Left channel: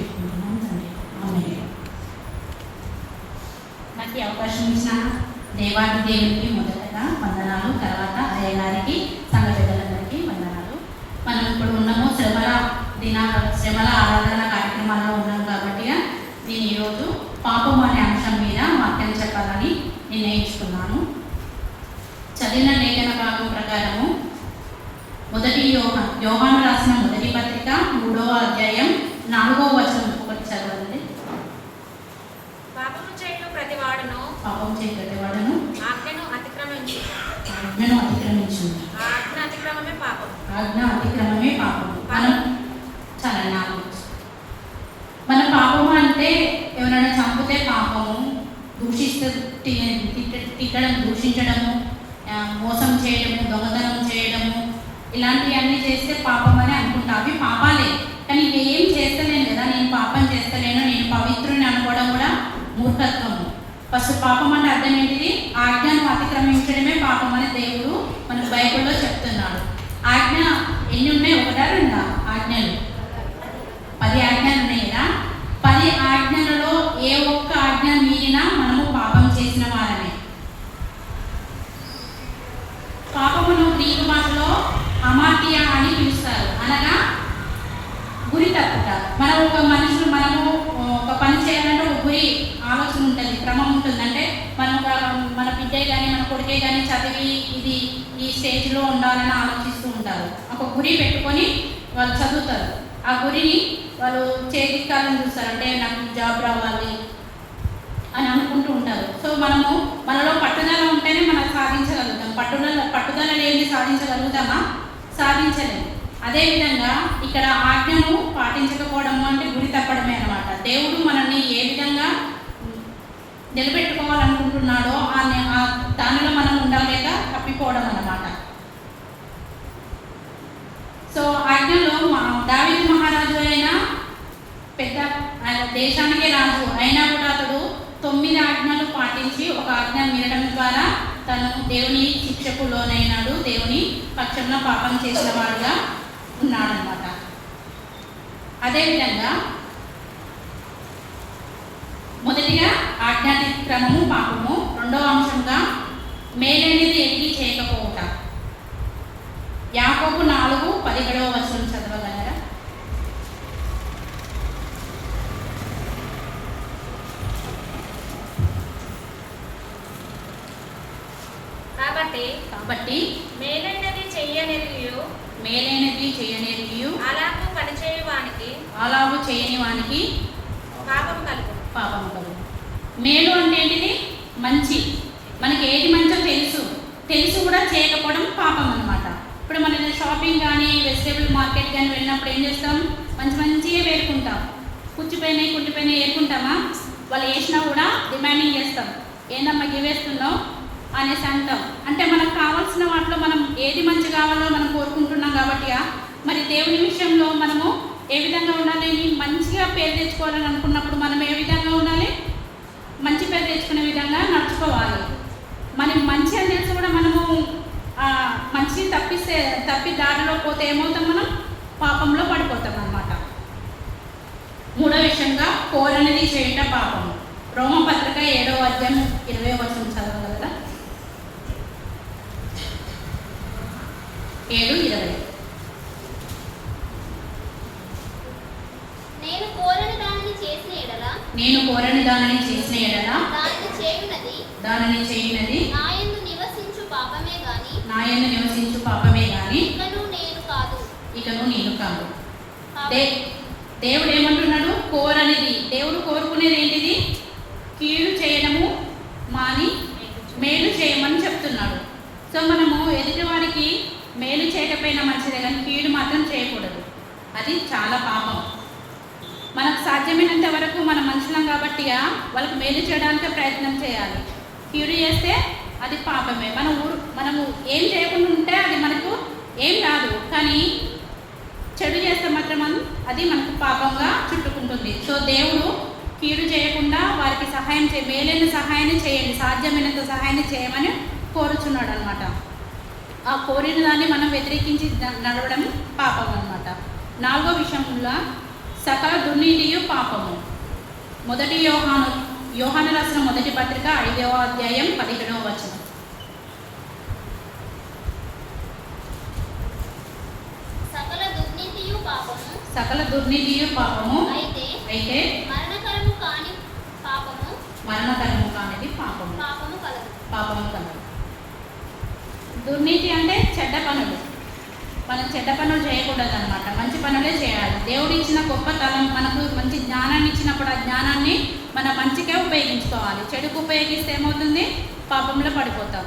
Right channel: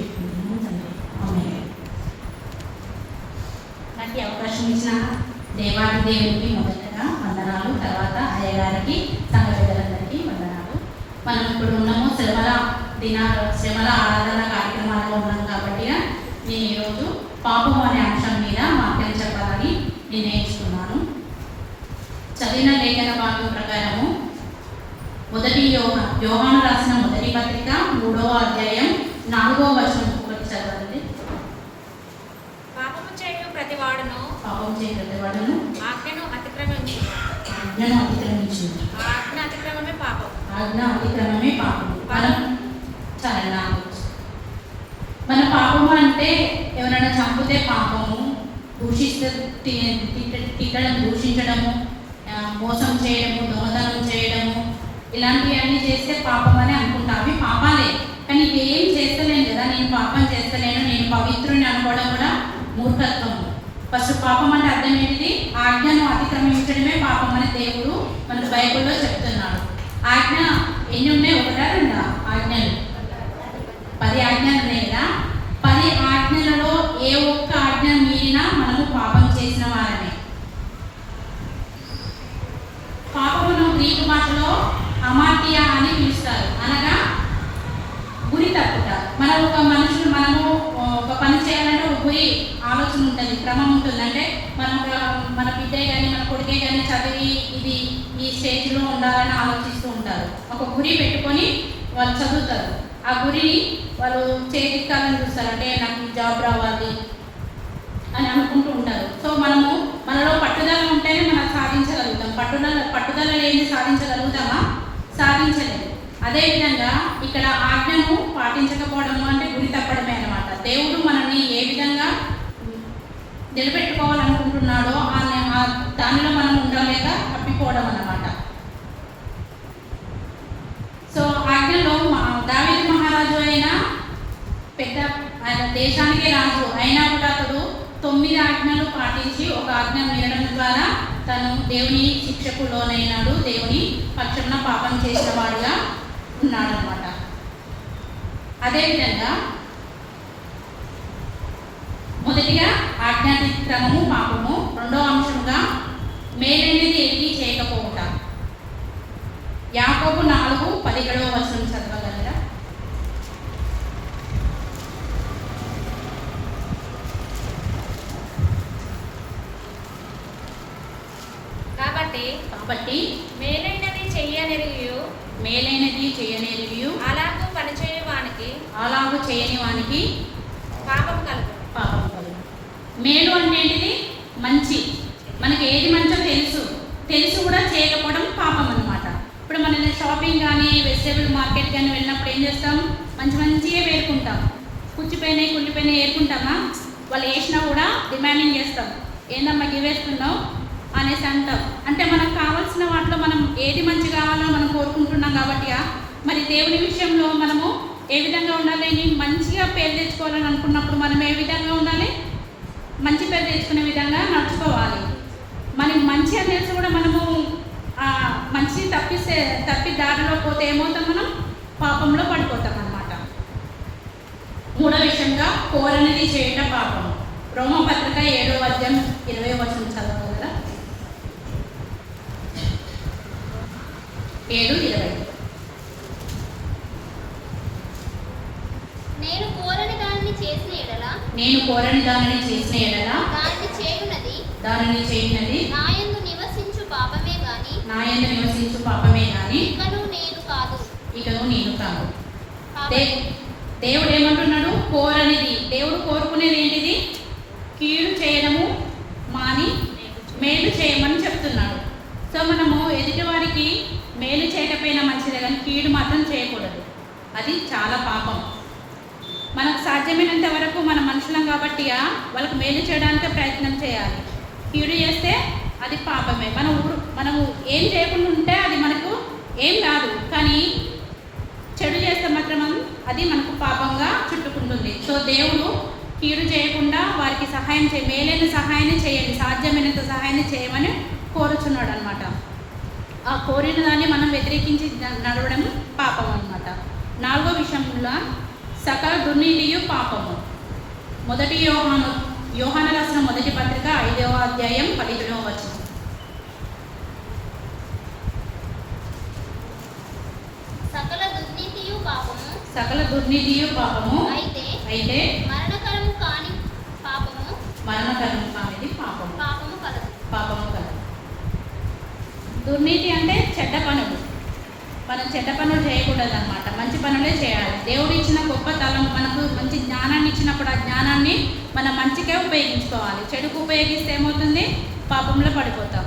పెట్టుకుంటున్నాను తండ్రి. అవునే నాకు ఈ అవకాశం ఇచ్చిన దేవాది దేవునికి మొదటగా వందనాలు, తర్వాత అయ్యగారికి, సంఘ పెద్దలందరికీ వందనాలు. మనం ఇప్పుడు ఉన్నాము శ్రమల ఆరాధన కార్యక్రమాల్లో ఉన్నాం కాబట్టి నేను ఈరోజు పాపము అనే అంశం మీద వాక్యం చెప్పాలని నిర్ణయించుకున్నాను. చదివిన లేఖన భాగం ప్రకారము మొదటి యోహాను రాసిన మొదటి పత్రిక 3వ అధ్యాయం 4వ వచనం ఒకటి చదవండి. పాపము చేయు ప్రతివాడును ఆజ్ఞను అతిక్రమించు. ఆజ్ఞ అతిక్రమమే పాపం. మన పాపము అంటే ఎవరైనా చంపితే పాపము, దూషిస్తే దూషించడము, మోసం చేయడము, దొంగతనం చేయడము, ఇలాంటివన్నీ చేస్తే పాపం అని అనుకుంటా. అవి పాపాలే, కానీ ఇవి ఏం చేస్తలేను కదా, నేను పాపం చేస్తలేను, నేను పవిత్రుని అనుకోవడం కూడా మూర్ఖత్వము. ఫస్ట్ పాపం అంటే అర్థం ఏంటిది? ఆజ్ఞను అతిక్రమించడమే పాపం అని దేవుడు మనకు బైబిల్లో చెప్తున్నాడు. ఆజ్ఞ ఎన్ని ఉన్నాయి? ఒకటా రెండా ఆజ్ఞలు? 10 ఆజ్ఞలు ఉన్నాయి కదా. 10 ఆజ్ఞలలో ఏ ఒక్క ఆజ్ఞ మీరినా మనము పాపం చేసిన వారమే. పాపమును గ్రీకు భాషలో అమార్టియా అని పిలుస్తారు, అనగా గురి తప్పుట. మనము ఒక పని చేయాలంటే ఒక గురి ఆలోచన ఉంటుంది, క్రమం ఉంటుంది. అంటే మన బిడ్డే కానీ మన కొడుకే కానీ చదివి ఇది ఈ స్టేజ్లో ఉండాలని ఆలోచిస్తూ ఉంటారు. ఒక గురి పెట్టుకొని వాళ్ళు చదువుతారు. ఆ గురిని వాళ్ళు చేతికాలని చూస్తారు, అంటే నాకు జాబ్ రావాలి అని అనుకుంటూ ఉంటారు. సో మనలో పట్టుదల ఉంటేనే మనం సాధించగలుగుతాం. పట్టుదల లేని సాధించగలుగుతామా? సాధించలేము. అదేవిధంగా ఇక్కడ ఆజ్ఞను పాటించకపోవడము అంటే గురి తప్పడమే అన్నమాట. దేవుడు మనల్ని ఏ విధంగా నిలబెట్టుకోవాలనుకుంటున్నాడో దానిలో మనం ఉండలేక తప్పిపోవడం అన్నమాట. సో ఆజ్ఞలో దావీదు మహారాజు అయినా ఆయన దేశానికే రాజు అయినా కూడా అతడు 9 ఆజ్ఞలు పాటించి ఒక ఆజ్ఞ మీరడం ద్వారా తను దేవుని శిక్షకు లోనైనాడు, దేవుని పక్షంన పాపం చేసిన వాడుగా ఉన్నాడనమాట. అదేవిధంగా మొదటిగా ఆజ్ఞాతిక్రమము పాపము, రెండవ అంశంగా మేలైనది ఎరిగి చేయకపోవుట. యాకోబు 4:17 వచనం చదవగలరా? కాబట్టి మేలైనది చెయ్యనేరియు అలాగూ చేయని వానికి పాపము కలుగు. మేలు అంటే ఏంటిది? మంచి. మనకి ఏది మంచో తెలుసు కూడా చేయకపోవడం పాపం అన్నమాట. ఇప్పుడు మనం షాపింగ్ కానీ వెజిటేబుల్ మార్కెట్ కానీ వెళ్ళినప్పుడు ఏం చేస్తాం? మంచిగా వేరుకుంటాం. కుళ్ళిపోయినాయి ఏరుకుంటామా? వాళ్ళు వేసినా కూడా డిమాండింగ్ చేస్తాం, ఏందమ్మా ఇవేస్తున్నావు అనేసి అంటాం. అంటే మనకు కావాల్సిన వాటిలో మనం ఏది మంచి కావాలో మనం కోరుకుంటున్నాం కాబట్టి, మరి దేవుని విషయంలో మనము ఏ విధంగా ఉండాలి? మంచిగా పేరు తెచ్చుకోవాలని అనుకున్నప్పుడు మనం ఏ విధంగా ఉండాలి? మంచి పేరు తెచ్చుకునే విధంగా నడుచుకోవాలి. మనకి మంచి అని తెలిసి కూడా మనము మంచి తప్పి దారిలో పోతే ఏమవుతాం? మనం పాపంలో పడిపోతాం అన్నమాట. మూడో విషయంగా కోరనిది చేయటం పాపము. రోమపత్రిక 7వ అధ్యాయం 20వ వచనం చదవగలరా? 7:20. నేను కోరని దానిని చేసిన ఎడల దానిని చేయునది నాయందు నివసించు పాపమే గాని ఇకను నేను కాదు. దేవుడు ఏమంటున్నాడు? కోరనిది. దేవుడు కోరుకునేది ఏంటిది? కీడు చేయడము మాని మేలు చేయమని చెప్తున్నాడు. సో మనము ఎదుటి వారికి మేలు చేయకపోయినా మంచిదే, కానీ కీడు మాత్రం చేయకూడదు. అది చాలా పాపం. మనకు సాధ్యమైనంత వరకు మన మనుషులం కాబట్టి వాళ్ళకు మేలు చేయడానికే ప్రయత్నం చేయాలి. కీడు చేస్తే అది పాపమే. మనము ఏం చేయకుండా ఉంటే అది మనకు ఏం రాదు, కానీ చెడు చేస్తే మాత్రం అది మనకు పాపంగా చుట్టుకుంటుంది. సో దేవుడు కీడు చేయకుండా వారికి సహాయం మేలైన సహాయాన్ని చేయండి, సాధ్యమైనంత సహాయాన్ని చేయమని కోరుచున్నాడు అనమాట. ఆ కోరిన దాన్ని మనం వ్యతిరేకించి నడవడం పాపం అనమాట. 4వ విషయంలో సకల దుర్నీతియు పాపము. మొదటి యోహాను రాసిన మొదటి పత్రిక 5వ అధ్యాయం 17వ వచనం. సకల దుర్నీతియు పాపము. సకల దుర్నీతియు పాపము. అయితే మరణకరము కాని పాపము. మరణకరము కానిది పాపము. పాపము కలదు. దుర్నీతి అంటే చెడ్డ పనులు. మనం చెడ్డ పనులు చేయకూడదు అనమాట, మంచి పనులే చేయాలి. దేవుడు ఇచ్చిన గొప్ప తలం, మనకు మంచి జ్ఞానాన్ని ఇచ్చినప్పుడు ఆ జ్ఞానాన్ని మనం మంచిగా ఉపయోగించుకోవాలి. చెడుకు ఉపయోగిస్తే ఏమవుతుంది? పాపంలో పడిపోతాం.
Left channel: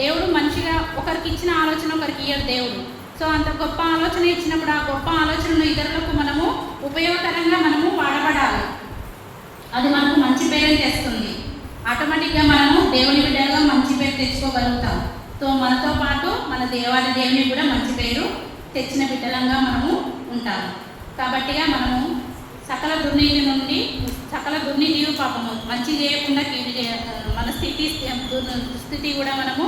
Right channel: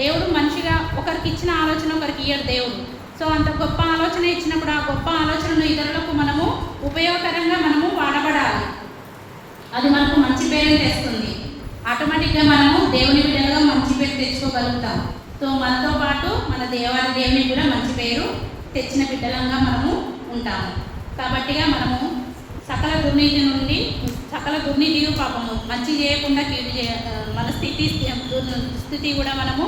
దేవుడు మనిషిగా ఒకరికి ఇచ్చిన ఆలోచన ఒకరికి ఇయ్యడు దేవుడు. సో అంత గొప్ప ఆలోచన ఇచ్చినప్పుడు ఆ గొప్ప ఆలోచనను ఇతరులకు మనము ఉపయోగకరంగా మనము వాడబడాలి. అది మనకు మంచి పేరు తెస్తుంది. ఆటోమేటిక్గా మనము దేవుని బిడ్డలుగా మంచి పేరు తెచ్చుకోగలుగుతాం. సో మనతో పాటు మన దేవాది దేవునికి కూడా మంచి పేరు తెచ్చిన బిడ్డలంగా మనము ఉంటాము. కాబట్టిగా మనము సకల దుర్నీతి నుండి, సకల దుర్నీతియు పాపము, మంచి చేయకుండా కీడు మన స్థితి కూడా మనము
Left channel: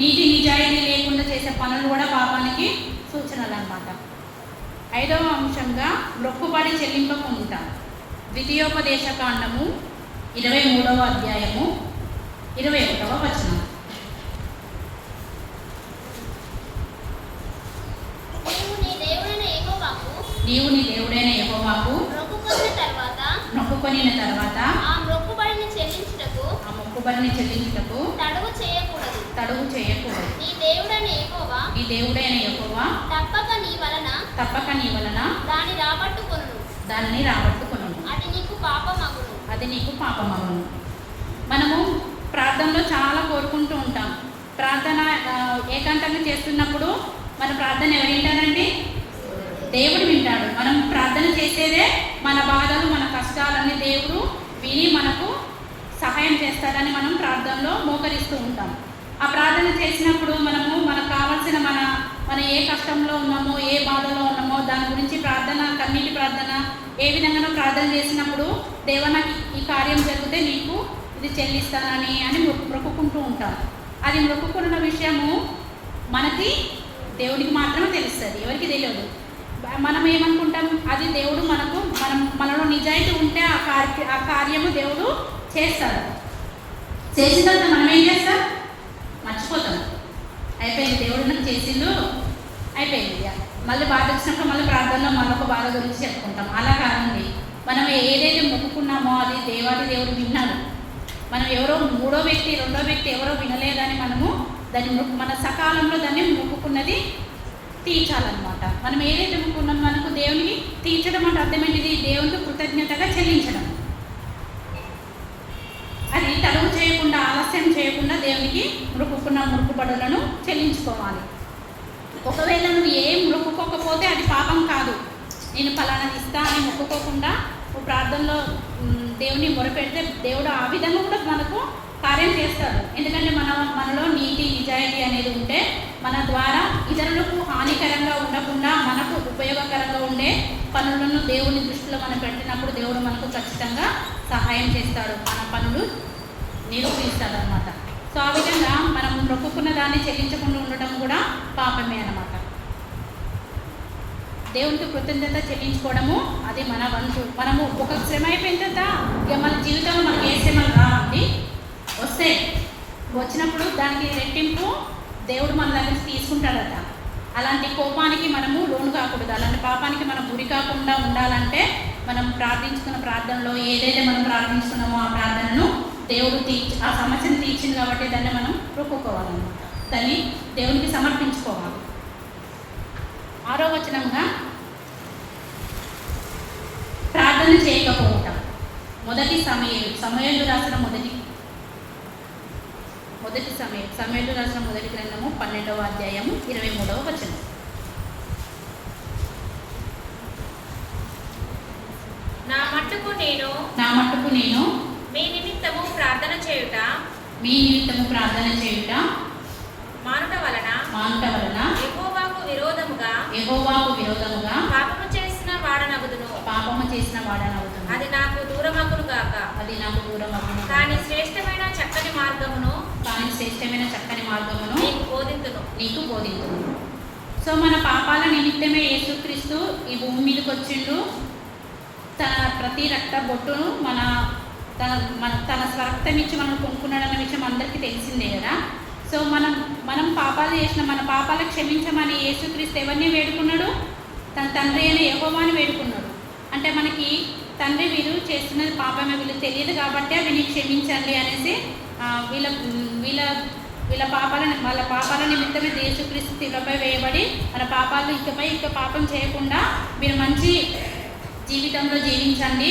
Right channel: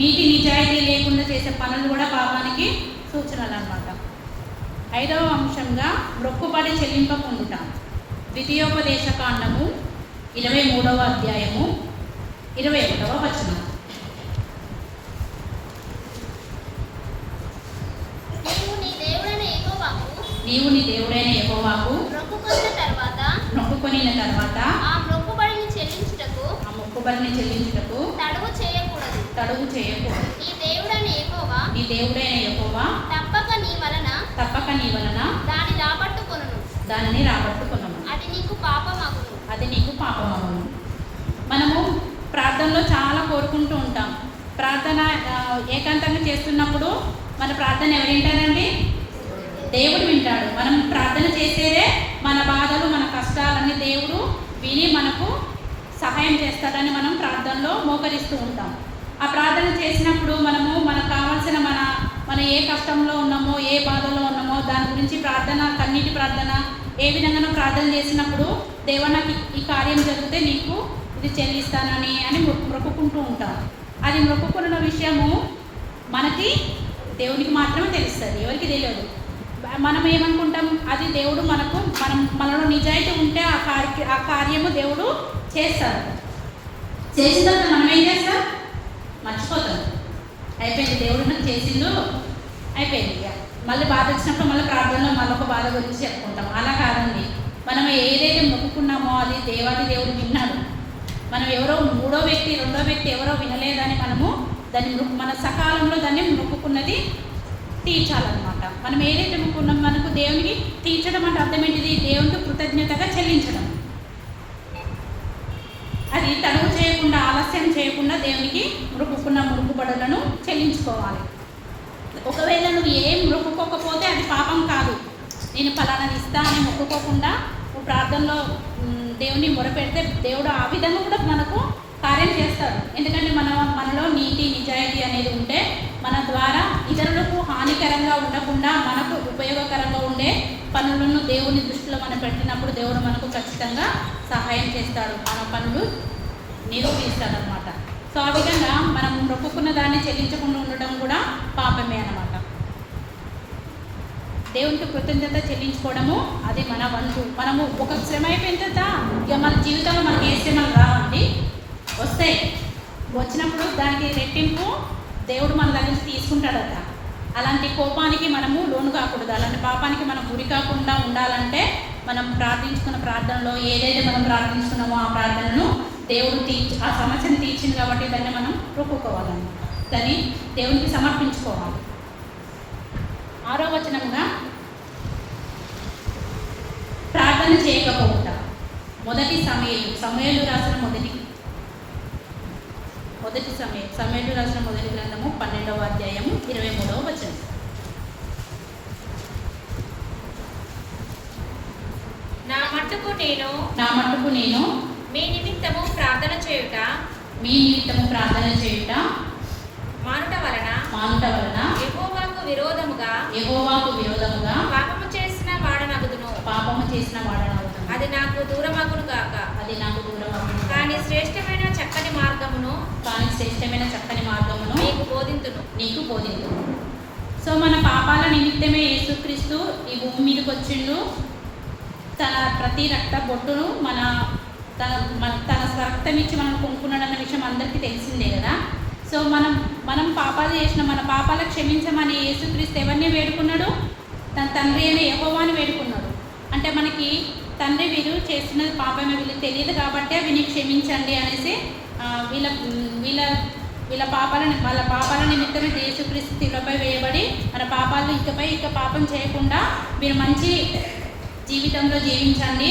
నీతి నిజాయితీ లేకుండా చేసే పనులు కూడా పాపానికి సూచనలు అన్నమాట. 5వ అంశంగా మొక్కుబడి చెల్లింపకుండుట. ద్వితీయోపదేశ కాండము 23వ అధ్యాయము 21వ వచనం. నీవు నీ దేవుడైన యెహోవాకు మొక్కుకొనిన తర్వాత ఆ మొక్కుబడిని చెల్లించుటకు తడువు చేయకూడదు. నీ దేవుడైన యెహోవా తప్పక నీ వలన దానిని రాబట్టుకొనును. అది నీకు పాపమగును. మనము ప్రార్థనలో చాలా కోరుకుంటూ ఉంటాం. ప్రార్థన ఏకాంతంగా చేస్తున్నప్పుడు మన ప్రార్థన ఎవరు వింటారండి? దేవుడు వింటాడు. మనం ప్రార్థన చేసేదే మన బాధలు, మన కష్టాలన్నీ దేవుడు విని మనకు సహాయం చేస్తాడని మనం ప్రార్థనలో మోకరిస్తూ ఉంటాం. ఆ ప్రార్థన చేసినప్పుడు మనకు కావాల్సిన మన ఏ కష్టంలో ఉన్నామో, ఏ బాధలో ఉన్నామో దాని గురించి ప్రార్థన, కన్నీటి ప్రార్థన ఏ విధంగా ప్రార్థన చేసినప్పుడు దేవా నాకు ఈ కార్యం జరిగితే నీకు ఇది చెల్లిస్తానని మొక్కుకుంటూ ఉంటాం. అది మొక్కుకున్న విషయము మనకి దేవునికి మాత్రమే తెలుస్తుంది, ఎవరికి తెలియదు. మనం ఏమనుకుంటాం? అది దేవుడు మనలో నిజాయితీ ఉంటే ఆ కార్యము దేవుడు చేస్తాడు. చేసిన తర్వాత మనం ఏం చేస్తాం? మర్చిపోతాం. అయిపోయింది, దేవుడు నాకు చేసిండు, అయిపోయింది. మళ్ళీ బాధ వచ్చినప్పుడు మళ్ళీ ప్రార్థనలో మళ్ళీ ఒక బాధ గురించి చెప్పుకుంటాం. అలా కాదండి. మనం ఏదైతే మొక్కుకున్నామో అది దేవాది దేవుడు విన్నాడు. మనం ఎవరో మూడో వ్యక్తి, రెండో వ్యక్తి ఎవరో వినలేదని మనము మన సకాలంలో దాన్ని మొక్కుకున్నది తీర్చాలన్నమాట. మనం ఏదైతే మొక్కుకున్నాం మనకు దేవునికి తీర్చడం అంటే అర్థం ఏంటిది? దేవునికి కృతజ్ఞతగా చెల్లించడం. అది తడువు చేయకుండా, ఆలస్యం చేయకుండా దేవునికి మొక్కుబడులను చెల్లించుకోవాలి. ఒకవేళ నువ్వు ఏం మొక్కుకోకపోతే అది పాపం కాదు. నేను ఫలానాది ఇస్తా అని మొక్కుకోకుండా నువ్వు ప్రార్థనలో దేవుని మొరపెడితే దేవుడు ఆ విధంగా కూడా మనకు కార్యం చేస్తాడు. ఎందుకంటే మనలో నీతి నిజాయితీ అనేది ఉంటే మన ద్వారా ఇతరులకు హానికరంగా ఉండకుండా మనకు ఉపయోగకరంగా ఉండే పనులను దేవుని దృష్టిలో మనం పెట్టినప్పుడు దేవుడు మనకు ఖచ్చితంగా సహాయం చేస్తాడు, మన పనులు నిరూపిస్తాడు అన్నమాట. సో ఆ విధంగా మనం మొక్కుకున్న దాన్ని చెల్లించకుండా ఉండటం కూడా పాపమే అన్నమాట. దేవునికి కృతజ్ఞత చెల్లించుకోవడము అది మన వంతు. మనము ఒక శ్రమ అయిపోయిన తర్వాత ఇక మన జీవితంలో మనకి ఏ శ్రమలు రావండి, వస్తాయి. వచ్చినప్పుడు దానికి రెట్టింపు దేవుడు మన దగ్గర తీసుకుంటాడట. అలాంటి కోపానికి మనము లోను కాకూడదు, అలాంటి పాపానికి మనం గురి కాకుండా ఉండాలంటే మనం ప్రార్థించుకున్న ప్రార్థనలో ఏదైతే మనం ప్రార్థించుకున్నామో ఆ ప్రార్థనను దేవుడు ఆ సమస్యను తీర్చింది కాబట్టి దాన్ని మనం మొక్కుకోవాలన్నమాట. దాన్ని దేవునికి సమర్పించుకోవాలి. 6వ వచనంగా ప్రార్థన చేయకపోవుట. సమూయేలు రాసిన మొదటి గ్రంథము 12వ అధ్యాయము 23వ వచనం. నా మట్టుకు నేను మీ నిమిత్తము ప్రార్థన చేయుట మానుట వలన యెహోవాకు విరోధముగా పాపము చేసిన వాడనగుదును. అది నాకు దూరమగును గాక. కానీ శ్రేష్టమైన చక్కని మార్గమును నీకు బోధింతును. సో మన పాపాల నిమిత్తమే యేసుక్రీస్తు ఈ భూమి మీదకి వచ్చిండు. తన ప్రతి రక్త బొట్టును తన స్వరక్తం ఇచ్చి మనం కొనుక్కున్నాడు అన్న విషయం అందరికీ తెలిసిందే కదా. సో మనం పాపాలు చేసిన మన పాపాలు క్షమించమని యేసుక్రీస్తు ఎవరిని వేడుకున్నాడు? తన తండ్రి అయిన యెహోవాని వేడుకున్నాడు. అంటే మనకి తండ్రి వీరు చేస్తున్నది పాపమే, వీళ్ళు తెలియదు కాబట్టి వీళ్ళని క్షమించండి అనేసి వాళ్ళ పాపాల నిమిత్తమే యేసుక్రీస్తు శిలువపై వేయబడి మన పాపాలు ఇక పాపం చేయకుండా మీరు మంచి జీవితంలో జీవించండి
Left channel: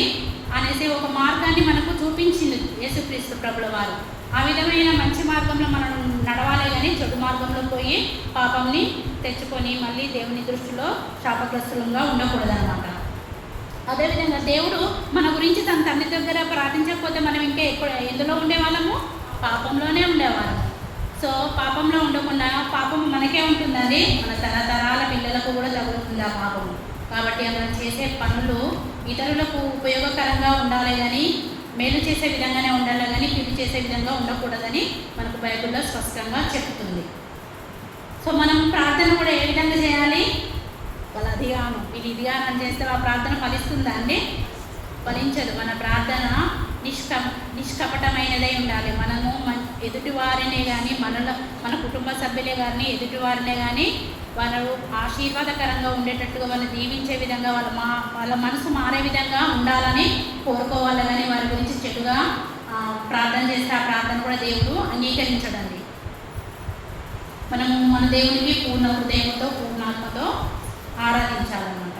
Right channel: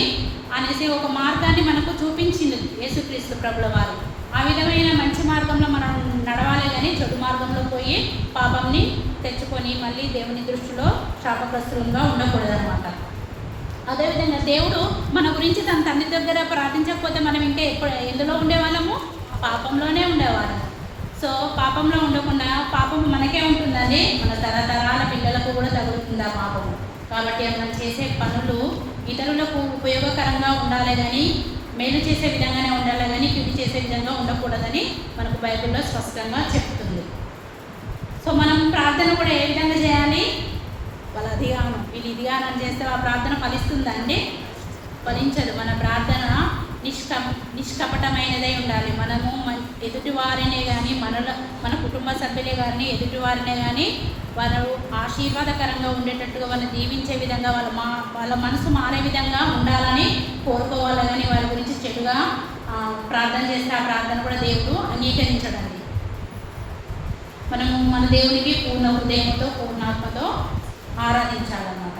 అనేసి ఒక మార్గాన్ని మనకు చూపించింది యేసుక్రీస్తు ప్రభుల వారు. ఆ విధమైన మంచి మార్గంలో మనం నడవాలి కానీ చెడు మార్గంలో పోయి పాపంని తెచ్చుకొని మళ్ళీ దేవుని దృష్టిలో శాపగ్రస్తులంగా ఉండకూడదనమాట. అదేవిధంగా దేవుడు మన గురించి తన తండ్రి దగ్గర ప్రార్థించకపోతే మనం ఇంకా ఎందులో ఉండేవాళ్ళము? పాపంలోనే ఉండేవాళ్ళము. సో పాపంలో ఉండకుండా, పాపం మనకే ఉంటుందండి, మన తరతరాల పిల్లలకు కూడా తగులుతుంది ఆ పాపము. కాబట్టి మనం చేసే పనులు ఇతరులకు ఉపయోగకరంగా ఉండాలి కానీ మేలు చేసే విధంగానే ఉండాలి కానీ కీడు చేసే విధంగా ఉండకూడదని మనకు బైబిల్లో స్పష్టంగా చెప్తుంది. సో మనం ప్రార్థన కూడా ఏ విధంగా చేయాలి? వాళ్ళు అదిగాను వీళ్ళు ఇదిగాను అని చేస్తే ఆ ప్రార్థన ఫలిస్తుందా అండి? ఫలించదు. మన ప్రార్థన నిష్కపటమైనదై ఉండాలి. మనము ఎదుటివారినే కానీ మన కుటుంబ సభ్యులే కానీ ఎదుటివారినే కానీ వారు ఆశీర్వాదకరంగా ఉండేటట్టుగా వాళ్ళని దీవించే విధంగా వాళ్ళ మనసు మారే విధంగా ఉండాలని కోరుకోవాలి కానీ వారి గురించి చెడుగా ప్రార్థన చేస్తే ఆ ప్రార్థన కూడా దేవుడు అంగీకరించడండి. మనము మన దేవునికి పూర్ణ హృదయంతో పూర్ణాత్మతో ఆరాధించాలన్నమాట.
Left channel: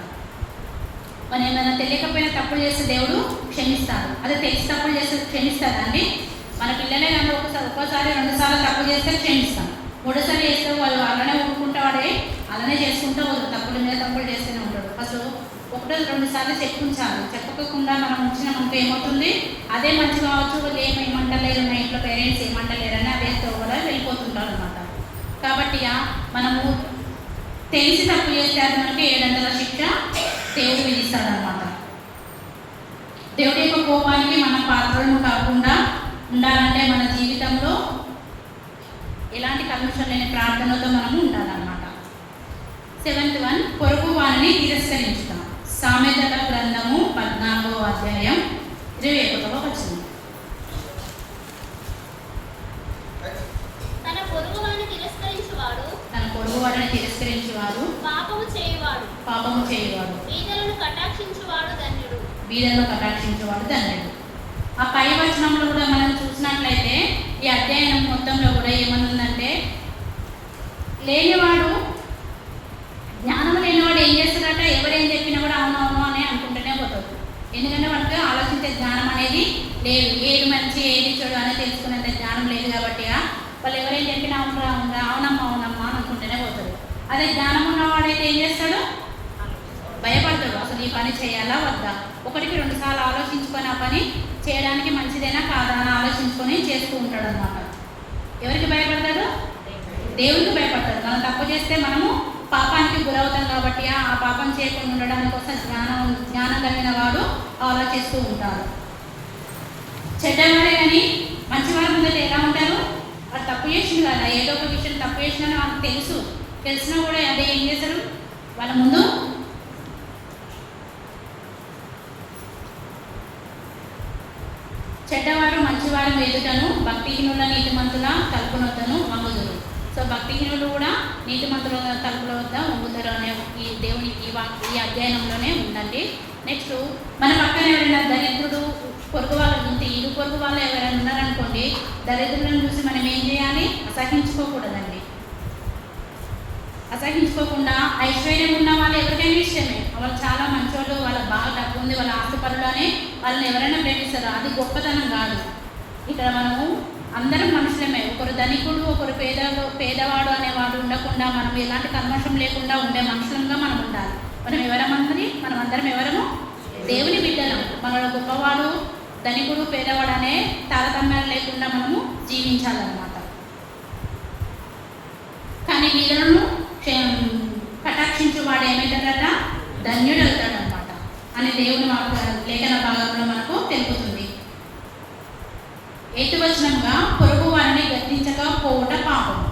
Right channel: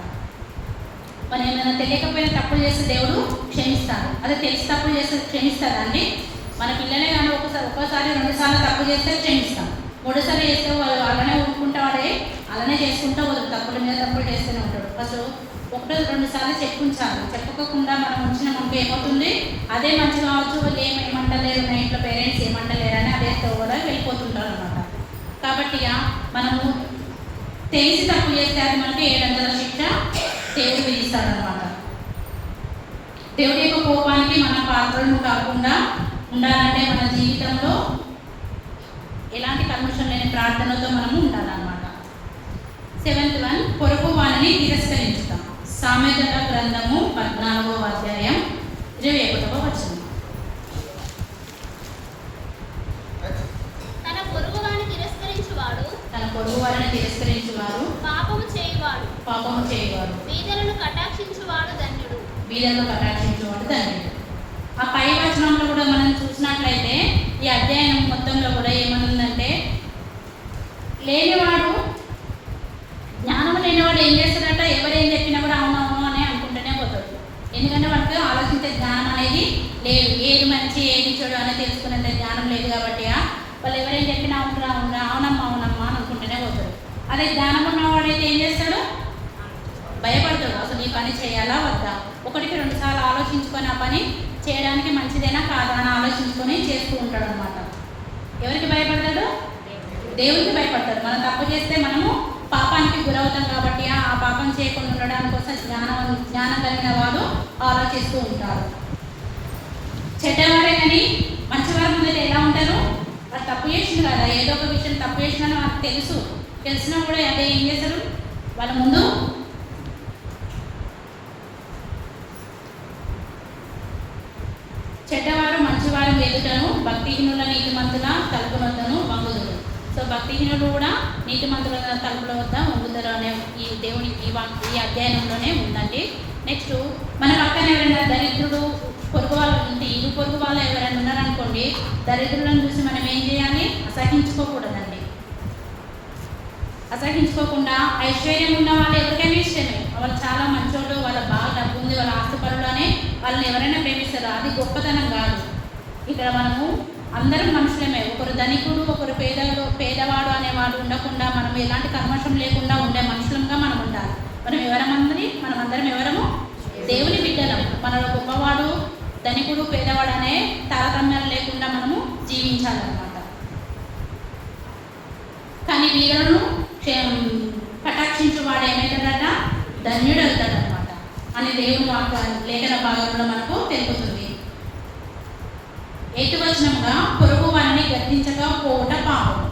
మనం ఏమైనా తెలియకపోయినా తప్పులు చేస్తే దేవుడు క్షమిస్తాడు. అదే తెలిసి తప్పులు చేస్తే క్షమిస్తాడా అండి? మన పిల్లలే కానీ ఒక్కోసారి 2 సార్లు తప్పు చేస్తే క్షమిస్తాం. 3 సార్లు చేస్తే వాళ్ళు అలానే ఊరుకుంటావాడే, అలానే చేసుకుంటూ తప్పుల మీద తప్పులు చేస్తూనే ఉంటాడు. ఫస్ట్ 1-2 సార్లు చెప్పుంచాలి. చెప్పకుండా మనం ఉంచిన మనకు ఏమవుతుంది? అదే మంచి కావచ్చు, వాళ్ళు ఏమంటలేరు, నా ఇంట్లో పేరెంట్స్ ఏమంటలేరు అని అదే కూడా వెళ్ళిపోతుంటారు అనమాట. కాబట్టి మనము తెలిసి తప్పు చేస్తే అది మనకి 700 శిక్ష దేవుడు విధిస్తాడనమాట. దేవుడి యొక్క కోపానికి మన పాత్రలను కాకుండా ఉండాలంటే మన జీవితంలో ఎలాంటి కల్మషం లేని ప్రార్థనతో మనము ఉండాలన్నమాట. 7th వన్, పొరుగు వారిని తిరస్కరించుతాం. సామెతల గ్రంథము 14వ అధ్యాయం 21వ వచనం. తన పొరుగు వారిని తిరస్కరించువాడు పాపము చేయువాడు. బీదలను కటాక్షించువాడు ధన్యుడు. ఆ పై వచనంలో కూడా మనం చూసినట్లయితే ఈ అధ్యయనం మొత్తంలో కూడా ఏమనుందంటే, జ్ఞానం లేనివాడు ఏం చేస్తాడట? ఎవరేం చెప్పినా కూడా అవునవును అని అనుకుంటూనే పోతాడు. ఎందుకంటే వాళ్ళకి ఆలోచించే జ్ఞానం అనేది లేదు. ఏది మంచి ఏది చెడు అనేది తెలుసుకునేంత జ్ఞానం లేదు కాబట్టి వాళ్ళు ఎవరేం చెప్పినా అవునమ్మా అవునమ్మా అని అనుకుంటూనే పోతాడు. అదే జ్ఞానం ఉన్నవాడైతే ఏం చేస్తాడు? భయపడతాడు. అసలు ఈ పని చేయాలా వద్దా, 1-2 సార్లు ఆలోచించుకొని ఆ పని చేయడానికి మంచిదేనా కాదా అని ఆలోచించుకొని చేస్తూ ఉంటాడు అనమాట. ఎవరికి భయపడతాడు? దేవునికి భయపడతాడు. మనం తప్పు చేస్తే మనము పాపానికి గురవుతాం కాబట్టి ఆ పాపం చేయకుండా ఉండడానికి కోసం జ్ఞానం కలిగిన వాడు ఆలోచిస్తూ ఉంటాడు. చెడ్డవారే కానీ మంచివారి ముందట ఎలా ఉంటారు? వాళ్ళు తప్పు చేసింది కదా, ఏదో ఒక విషయం తప్పు చేసినా వాళ్ళకి తెలిసినా కూడా అదే ఏం చేస్తారు? వాళ్ళ ముందు చెడ్డవారు మంచివారు ఎదుటను భక్తిహీనుల నీతిమంతుల తలుపునొద్దను వంగుదురు. సో భక్తిహీనులు కూడా నీతిమంతుల తలుపుల వద్ద వంగుతారు అనే ఈ దేవుని ఈ అధ్యయనంలోనే ఉందండి. నెక్స్ట్ మన పక్కన ఎవరైనా దరిద్రుడు పొరుగు వాళ్ళు ఉంటే, పొరుగు వాళ్ళు ఎవరైనా ఉన్నారనుకోండి, దరిద్రులను చూసి మనం ఏం చేయాలి? అసహించుకోకూడదండి. అసహించుకోకుండా ఐశ్వర్యం ఉన్న వాళ్ళు ఎవరికైనా ఇష్టమే, వాళ్ళు చాలా మంచోళ్ళు, వాళ్ళ బాగా డబ్బు ఉంది, వాళ్ళ ఆస్తిపరులు అని వాళ్ళని ఎవరైనా ప్రేమిస్తారు. అది గొప్పతనం కాదు. ఇక్కడ మనము అందరం మనుషులమే. ఒకరు ధనికుడు ఒకరు పేదవాడు అనేవాడు ఉండకుండా మనం ఎలాంటి కల్మషం లేకుండా ఉండే మనుషులంగా మనం ఉండాలి. మనం అందరం ఎవరము? దేవుని బిడ్డలం. మనలో గొప్పవాడు ధనికుడు పేదవాడు అనే తారతమ్యాలు లేకుండా మనము జీవించాలన్నమాట. కానీ వీళ్ళను కటాక్షించు వాడు ఏమవుతాడట? ధన్యుడు అవుతాడనమాట అని దేవుని లేఖన భాగంలో మనకు తెలుపుతుంది. 8వ వచనంగా పొరుగు వారిని గద్దించకపోవుట పాపము.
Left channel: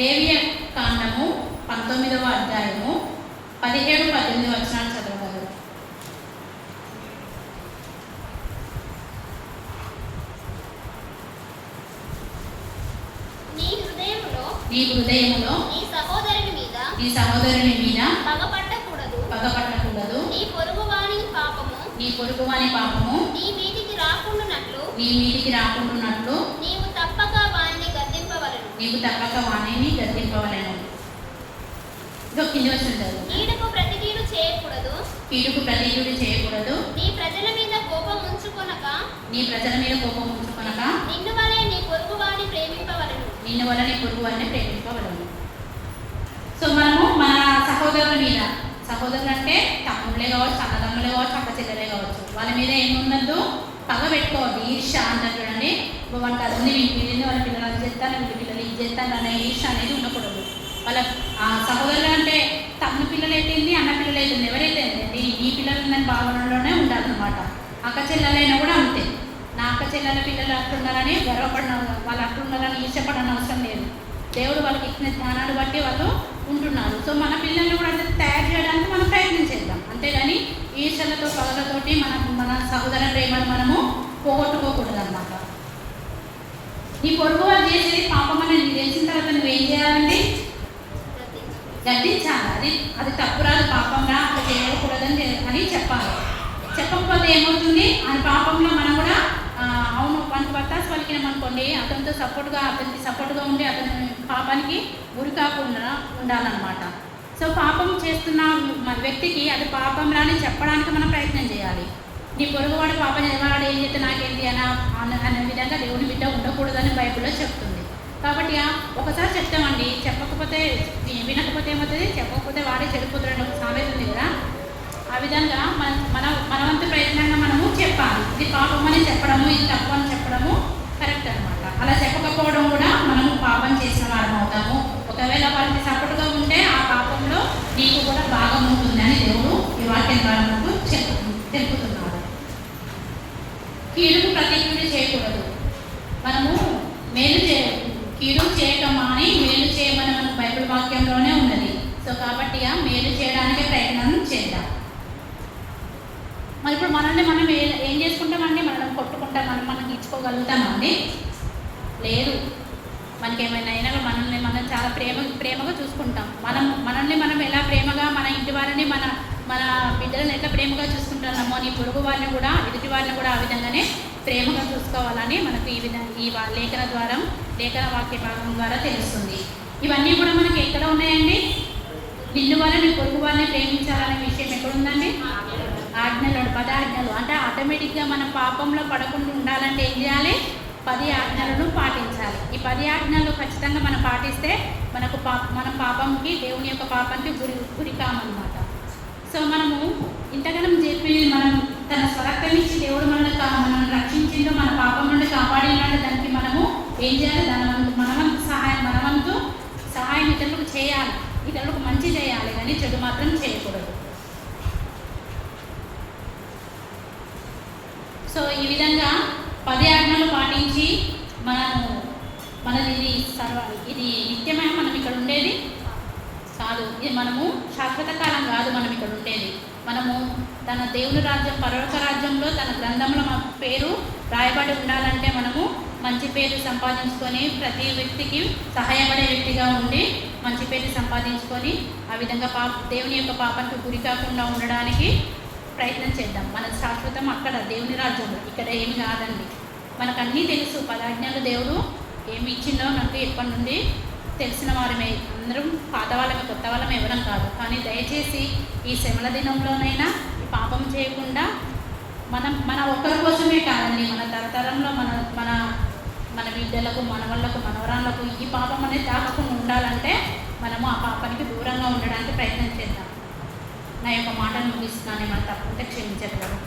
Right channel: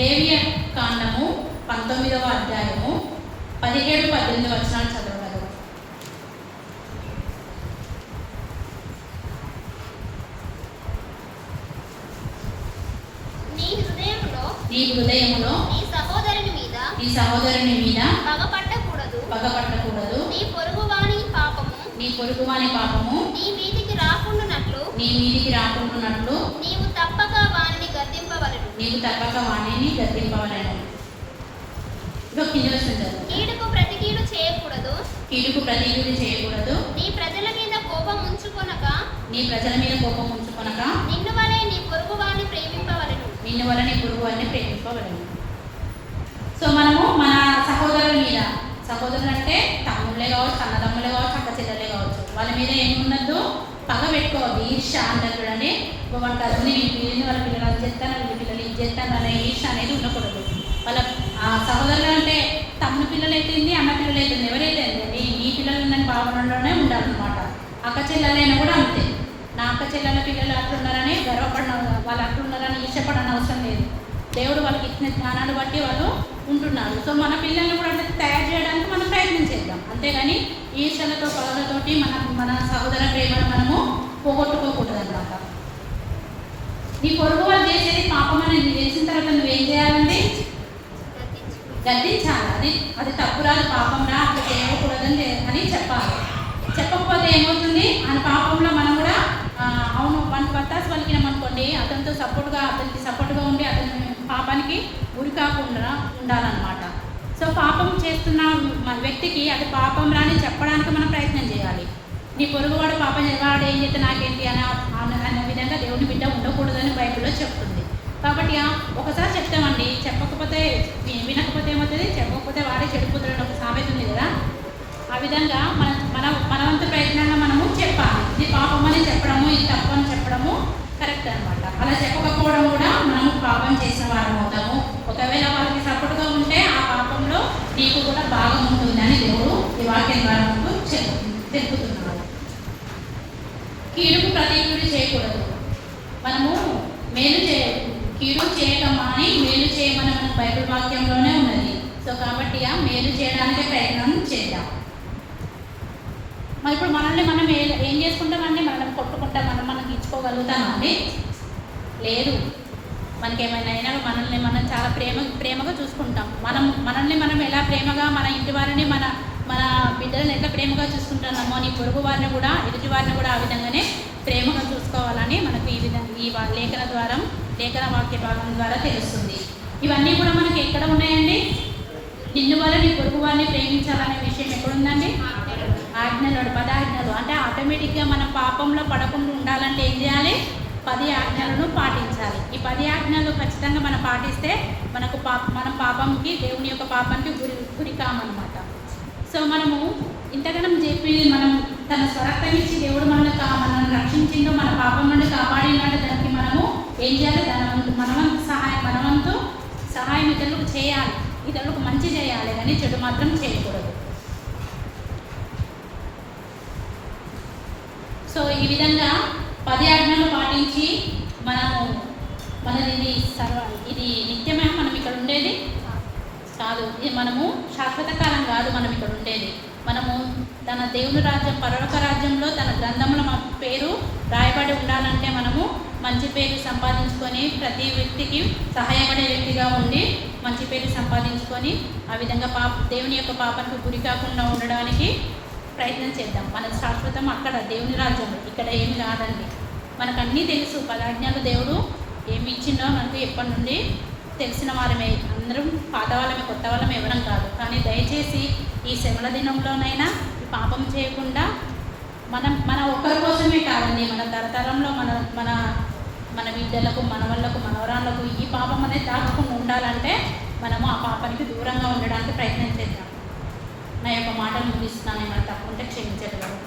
లేవియ కాండము 19వ అధ్యాయము 17-18 వచనాలు చదవగలరు. నీ హృదయంలో నీ హృదయములో నీ సహోదరుని మీద నీ సహోదరుని మీద పగపట్టకూడదు. నీ పొరుగువాని పాపము నీ పొరుగువాని పాపము నీ మీదికి రాకుండానట్లు నీవు తప్పక వానిని గద్దింపవలెను. ఇదో కింది వచ్చిన చదువు. కీడుకు ప్రతి కీడు చేయకూడదు. నీ ప్రజల మీద కోపం ఉంచుకొనక నిన్ను వలె నీ పొరుగువాని ప్రేమింపవలెను. సో మనము మన సహోదరుల మీద, సహోదరులు అంటే తమ్ముళ్ళే కావచ్చు, అన్నదమ్ములే కావచ్చు, అక్క చెల్లెలే కావచ్చు, వాళ్ళ మీద ఏమున్నద్దు, పగ పెట్టుకోవద్దు. ఈర్ష్య అంటారు చూడండి. వానికి అది ఉంది, వీళ్ళని వాళ్ళ పిల్లలు అది చేస్తాను, వీళ్ళ పిల్లలు ఇది చేస్తాను అనే ఈర్ష్య అనేది ఉండకూడదు. వాళ్ళ సహోదరులు అంటే తమ్ముని పిల్లలు అయితేంది, అన్న పిల్లలు అయితుంది, ఎవరైతే నీ పిల్లలు ఉన్న భావనలోనే ఉండాలన్నమాట. అక్క చెల్లెలైనా కూడా అంతే. నా అక్క చెల్లెల పిల్లలు అట్లున్నారని గర్వపడిన, వాళ్ళు అట్లున్నారని ఈర్ష్యపడని అవసరం లేదు. దేవుడు వాళ్ళకి ఇచ్చిన జ్ఞానాన్ని బట్టి వాళ్ళు ఉంటున్నారు. సో మన పిల్లల్ని కూడా అంటే తయారు చేయడానికి మనం ప్రయత్నం చేద్దాం. అంతేగాని ఈర్ష్యలతో పగలతోటి మన సహోదర ప్రేమను మనము పోగొట్టుకోకూడదు అన్నమాట. నీ పొరుగు వాళ్ళు చేసేది పాపం అనేది తెలిసిన తర్వాత నువ్వేం చేయాలండి? గద్దించాలి. అది తప్పురాదు, పాపం రా, అట్లా చేయకూడదని అని చెప్పాలి. చెప్పకపోతే ఏమవుతుంది, అని పాపంలో మనం కూడా అవును మనకి వత్తాసు పలికినామనుకోండి, అతనికి సపోర్ట్గా ఉండి అతని పాపానికి గురి కాకుండా ఉండాలన్నమాట. సో పాపం చేస్తున్న వ్యక్తికి అది పాపంలానే చెప్పడానికి మనం ప్రయత్నం చేయాలి. నీ పొరుగువాడు పాపం వాడు ఏం చేస్తే నాకేంటి అనే విధంగా దేవుని బిడ్డ ఉండకూడదని బైబిల్లో చెప్తుంది. కాబట్టి ఒకసారి చెప్తామండి, చెప్పకపోతే వినకపోతే ఏమవుతుంది, చెప్పకపోతే వాడే చెడిపోతాడని ఒక సామెత ఉంది కదా. ఆ విధంగా మన వంతు ప్రయత్నంగా మనము చెప్పాలి. ఇది పాపం అని చెప్పడము, ఇది తప్పు అని చెప్పడము కరెక్ట్ అనమాట. అలా చెప్పకపోవడం కూడా మనము పాపం చేసిన వారం అవుతాము. ఒకవేళ వాళ్ళకి సపోర్ట్గా ఉంటే ఆ పాపంలో నీకు కూడా భాగం ఉంటుంది అని దేవుడు ఈ వాక్యం ద్వారా తెలుపుతున్నాడు. కీడుకు ప్రతి కీడు చేయకూడదు. మనము కీడు చేయటమా అని మేలు చేయమని మన బైబిల్ వాక్యంలోనే ఉన్నది. సో కాబట్టి మేలు చేయడానికి ప్రయత్నం చేద్దాం. మరి ఇప్పుడు మనల్ని మనం ఏం చేసుకుంటామండి? మనల్ని కొట్టుకుంటాం, మనం ఇచ్చుకోగలుగుతామా అండి? లేదు. మనకేమైనా అయినా మనం చాలా ప్రేమగా చూసుకుంటాం. మనల్ని మనం ఎలా ప్రేమగా, మన ఇంటి వారిని మన బిడ్డలను ఎంత ప్రేమగా చూసుకుంటున్నామో నీ పొరుగు వారిని కూడా, ఎదుటి వారిని కూడా ఆ విధంగానే ప్రేమగా చూసుకోవాలని మనకు ఈ లేఖన వాక్య భాగం ద్వారా తెలుస్తుంది. ఇవన్నీ కూడా మనకి ఎక్కడ ఉన్నాయండి? నిన్ను వల్ల నీ పొరుగు వారిని ప్రేమించాలనే విషయం ఎక్కడుందండి? ఆజ్ఞలు, 10 ఆజ్ఞలు. అంటే ఆటోమేటిక్గా మనం పాపంలో పడకుండా ఉండాలంటే ఏం చేయాలి? 10 ఆజ్ఞలను పాటించాలి. ఈ 10 ఆజ్ఞలు ఖచ్చితంగా మనం పాటిస్తే మనం పాపంకి, దేవుని యొక్క పాపానికి గురి కామన్నమాట. సో మనము ఇంతగానం చెప్పి మనం తన స్వరక్తం ఇచ్చి దేవుడు మనల్ని రక్షించిందో, మన పాపం నుండి కాపాడినాడు. దానికి మనము ఏం చేయాలి? మనవంతు సహాయం ఇతరులకు చేయాలి, ఇతరులకు మంచి చేయాలి, కానీ చెడు మాత్రం చేయకూడదు. సో ఈ విధంగా 10 ఆజ్ఞలు పాటించి ఇది నిత్యమే మనం ఇక్కడ ఉండేది కాదు. ఇది మనము శాశ్వత కాలం కాదు మనం ఇక్కడ ఉండేది. మనము తన దేవుని రాజ్యం, పరలోక రాజ్యంలో తన గ్రంథంలో మన పేరు రాయబడి ఉండాలంటే మనము మంచి పేరు సంపాదించుకొని, ప్రతి వ్యక్తికి సహాయపడే వ్యక్తిగా ఉండి మంచి పేరు సంపాదించుకొని ఆ విధంగా దేవుని యొక్క పాపానికి గురి కాకుండా ఉండడానికి ప్రయత్నం చేద్దాం. మన శాశ్వతం అక్కడ దేవుని రాజ్యంలో, ఇక్కడ ఏమి కాదండి. మనకు అన్నీ తెలుసు. 10 ఆజ్ఞలు దేవుడు ఏమి ఇచ్చిందో మనకు ఎప్పటి నుండి తెలిసిన వారమే. అందరం పాత వాళ్ళమే, కొత్త వాళ్ళమే ఎవరం కాదు. కానీ దయచేసి ఈ శ్రమల దినంలోనైనా ఈ పాపం చేయకుండా మన ఒక్కరి కోసమే కాదండి, మన తరతరంలో మన బిడ్డలకు, మనవళ్ళకు, మనవరాళ్ళకు ఈ పాపం అనేది తాగకుండా ఉండాలంటే మనము ఆ పాపానికి దూరంగా ఉండడానికి ప్రయత్నం చేద్దాం. నా యొక్క మాటలు ముగిస్తున్నాను. ఏమైనా తప్పుంటే క్షమించగలరు.